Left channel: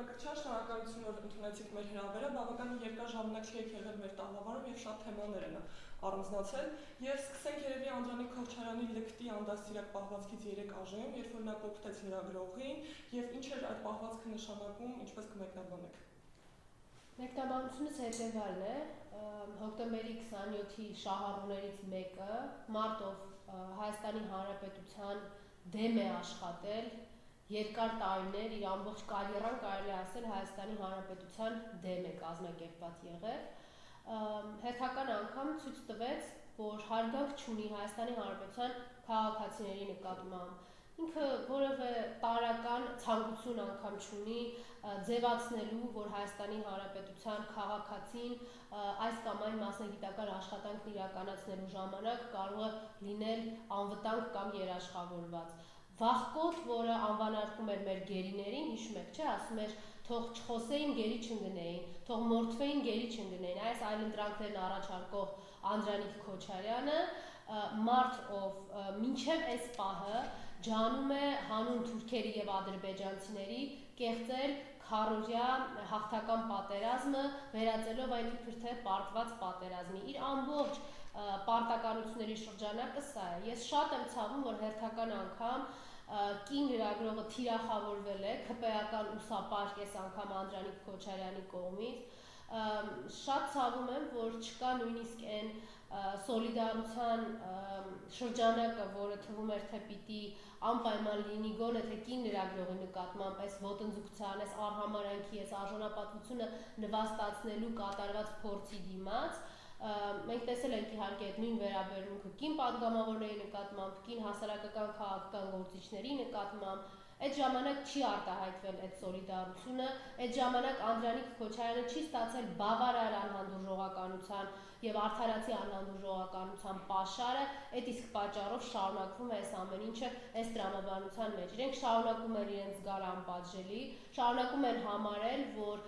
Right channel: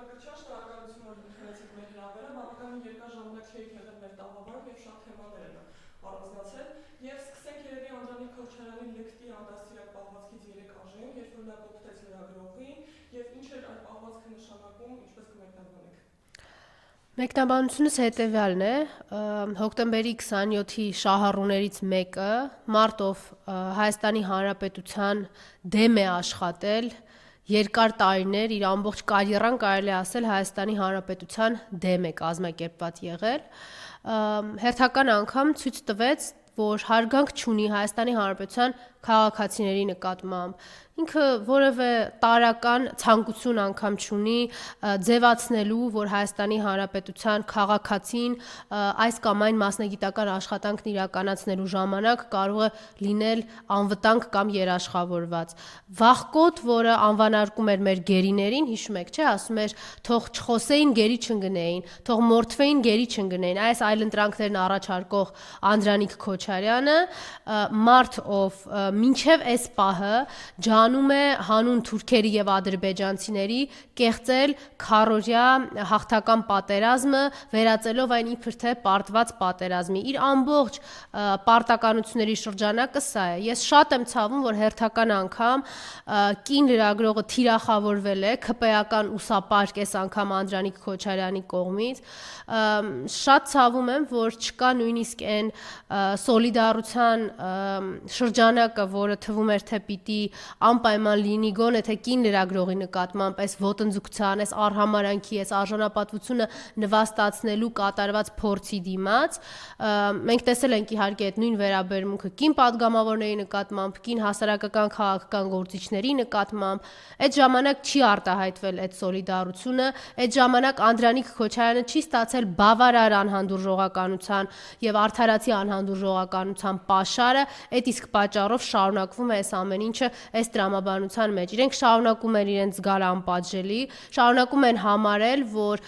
Կրկնության շնորհակալություն, որ ընդունեցիք մեր հրավերը, բավականին երկար ժամանակ չեք եղել մեր տաղավարում եւ շատ թեմաներ են առանձնացել եւ սկսենք երևի Անդրանիկ Քոչարյանի լկտի անդաստիրակ պահվածքից 3 ԱԺ-ում, երբ որ նա կոպտեց լրագրողին եւ ինչ էր այդ պահվածքը նշանակում, ինչպես կմեկնաբանեք։ Մեկնաբանությունս հետևյալն է, հոկտեմբերի 27-ի շահառուներից մեկը, մարտով Հայաստանի Հանրապետության դեմ է աշխատել, երկար տարիներ իր ամբողջ կարիերան կարելի ասել Հայաստանի Հանրապետության դեմ է կազմակերպված եղել, հերթական անգամ ցույց տվեց, որ հարգանք չունի Հայաստանի Հանրապետության քաղաքացիների նկատմամբ, ինքը որևէ տարրական ցանկություն անգամ չունի ձևացնելու, որ Հայաստանի Հանրապետության քաղաքացին այս կամ այն մասնագիտական աշխատանքն իրականացնելու ժամանակ կարող է լինել անվտանգ կամ երաշխավորված։ Վաղկոտ, որը անվանարկում էր մեր գերիներին, հիշում եք, չէ, ասում էր, թող չխոսեին, գերի չընկնեին, թող մորթվեին, գերի չընկնեին, այս այլընտրանքներն առաջարկող Անդրանիկ Քոչարյանը, մարդ, ով մինչև այս պահը ջանում է հանուն թուրքերի եւ ադրբեջանցիների կեղծել քարոզյա հաղթական պատերազմը, վերածելով այն իբր թե պարտված պատերազմի։ Իր ամբողջ պարտականությունների շրջանակը սա է։ Ես շատ եմ ցավում, որ հերթական անգամ կին լրագրողը թիրախավորվել է ՔՊ-ական ուսապարկ այս անգամ Անդրանիկ Քոչարյանի կողմից։ Շատ ցավում եմ, որ չկա նույնիսկ այն սոլիդարության շրջանակը, որը թվում էր թե պիտի անպայման լինի գոնե թե կին լրագրողի նկատմամբ այս ոտնձգության, այս արհամարանքի, այս արժանապատվությունը նվաստացնելու կատարված փորձի դիմաց։ Մենք տեսել ենք իհարկե այդ նույն վերաբերմունքը կին падգամավորների նկատմամբ, կին հասարակական քաղաքական գործիչների նկատմամբ, այդ ժամանակ չի արտահայտվել այդ սոլիդարությունը, այդ ժամանակ Անդրանիկ Քոչարյանը չի ստացել բավարար անհանդուրժողականության եւ արդարացի անհանդուրժողականության պաշարը, այդ իսկ պատճառով շարունակվում է այս ամեն ինչը այս տրամաբանության մեջ։ Իրենք շարունակում են իրենց զգալ անպատժելի, շարունակում են համարել, որ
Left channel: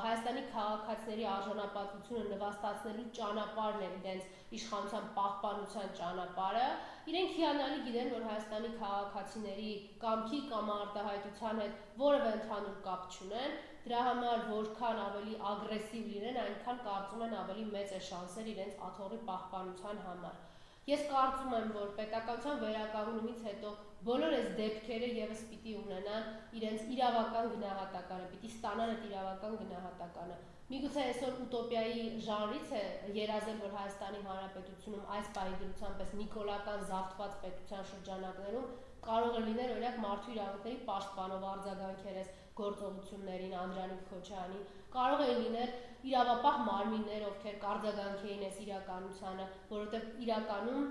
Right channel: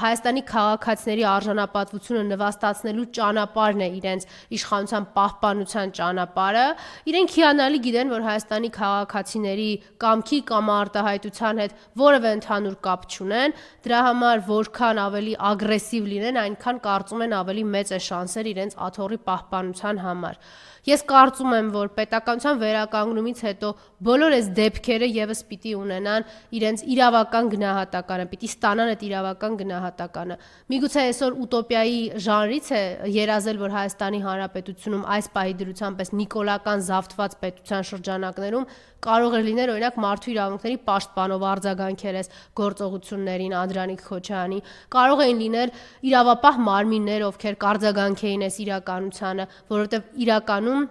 Հայաստանի քաղաքացիների արժանապատվությունը նվաստացնելու ճանապարհն է իրենց իշխանության պահպանության ճանապարհը։ Իրենք հիանալի գիտեն, որ Հայաստանի քաղաքացիների կամքի կամ արտահայտության հետ որևէ ընդհանուր կապ չունեն, դրա համար որքան ավելի ագրեսիվ լինեն, այնքան կարծում են ավելի մեծ է շանսեր իրենց աթոռի պահպանության համար։ Ես կարծում եմ, որ պետականության վերականգնումից հետո բոլոր այս դեպքերը եւս պիտի ունենան իրենց իրավական գնահատականը, պիտի ստանան այդ իրավական գնահատականը։ Միգուցե այսօր ուտոպիայի ժանրից է երազել, որ Հայաստանի Հանրապետությունում այս պահի դրությամբ այս նիկոլական զավթված պետության շրջանակներում կարող է լինել օրինակ մարդու իրավունքների պաշտպանող արձագանքեր այս գործողություններին Անդրանիկ Քոչարյանի, կարող էին լինել իրավապահ մարմիններ, ովքեր կարձագանք էին այս իրականությանը, որովհետև իրականում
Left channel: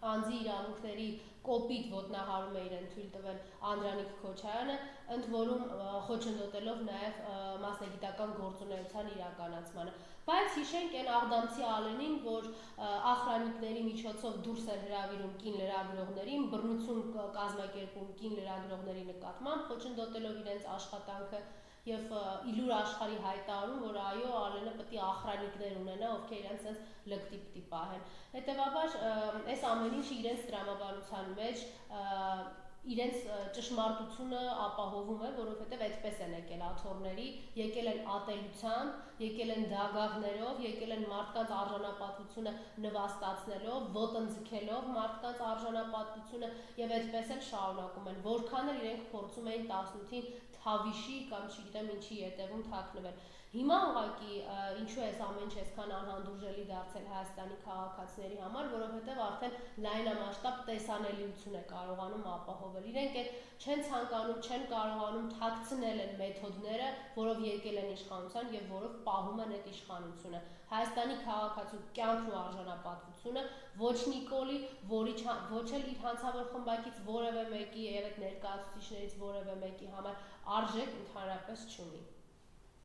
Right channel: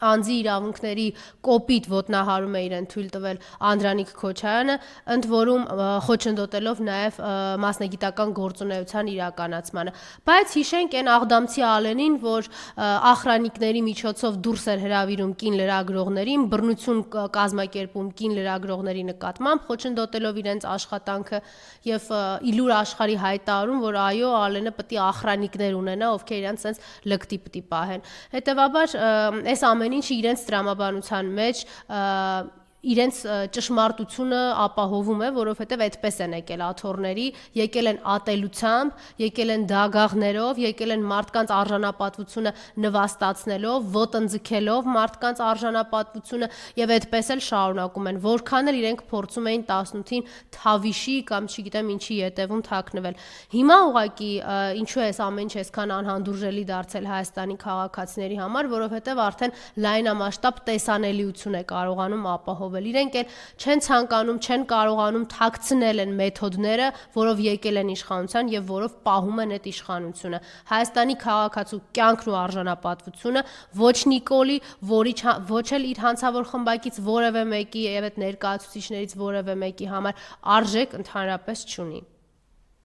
անձի իրավունքների կոպիտ ոտնահարում է իրեն թույլ տվել Անդրանիկ Քոչարյանը, ընդ որում խոչընդոտելով նաև մասնագիտական գործունեության իրականացմանը։ Բայց հիշենք այն աղդամցի ալենին, որ ախրանիկների միջոցով դուրս էր հրավիրում կին լրագրողներին, բռնություն կազմակերպում կին լրագրողների նկատմամբ, խոչընդոտելով իրենց աշխատանքը եւ իլուր աշխարհի հայտարարում, որ այո, ալենը պետք է ախրանիկներ ունենա, ովքեր իրենց sense լկտի պետք է պահեն։ Հետևաբար այս ամեն ինչը իրենց տրամաբանության մեջ իրենց ճշմարտությունը ապահովում է, որովհետև այդպես են եկել աթոռների, եկել են ատելությամբ, եկել են դագաղներով, եկել են մարդկանց արժանապատվությունը նվաստացնելով, ոտնձգելով մարդկանց արժանապատվությունը եւ այդպես էլ շարունակում են, որքան էլ իրենք փորձում էին 18-ին թավիշի կամ չգիտեմ ինչի ետևում թաքնվել։ Հիմա ուղղակի ինչու է այս ամեն ինչ այսքան անհանդուրժելի դարձել Հայաստանի քաղաքացիների համար, որովհետև արդեն լայնամասշտաբ տեսանելիություն է կարողանում ապահովել։ Իրենք էլ չեն ցանկանում, չեն կարողանում թաքցնել են մեթոդները, որով եկել են իշխանության եւ որով պահում են այդ իշխանությունը։ Հայաստանի քաղաքացու կյանքն ու արժանապատվությունը ոչ Նիկոլի, ոչ էլ իր հանցավոր խմբակից որևէ մեկի եւ այդ ներկայացուցիչներից որևէ մեկի համար արժեք ընդհանրապես չունի։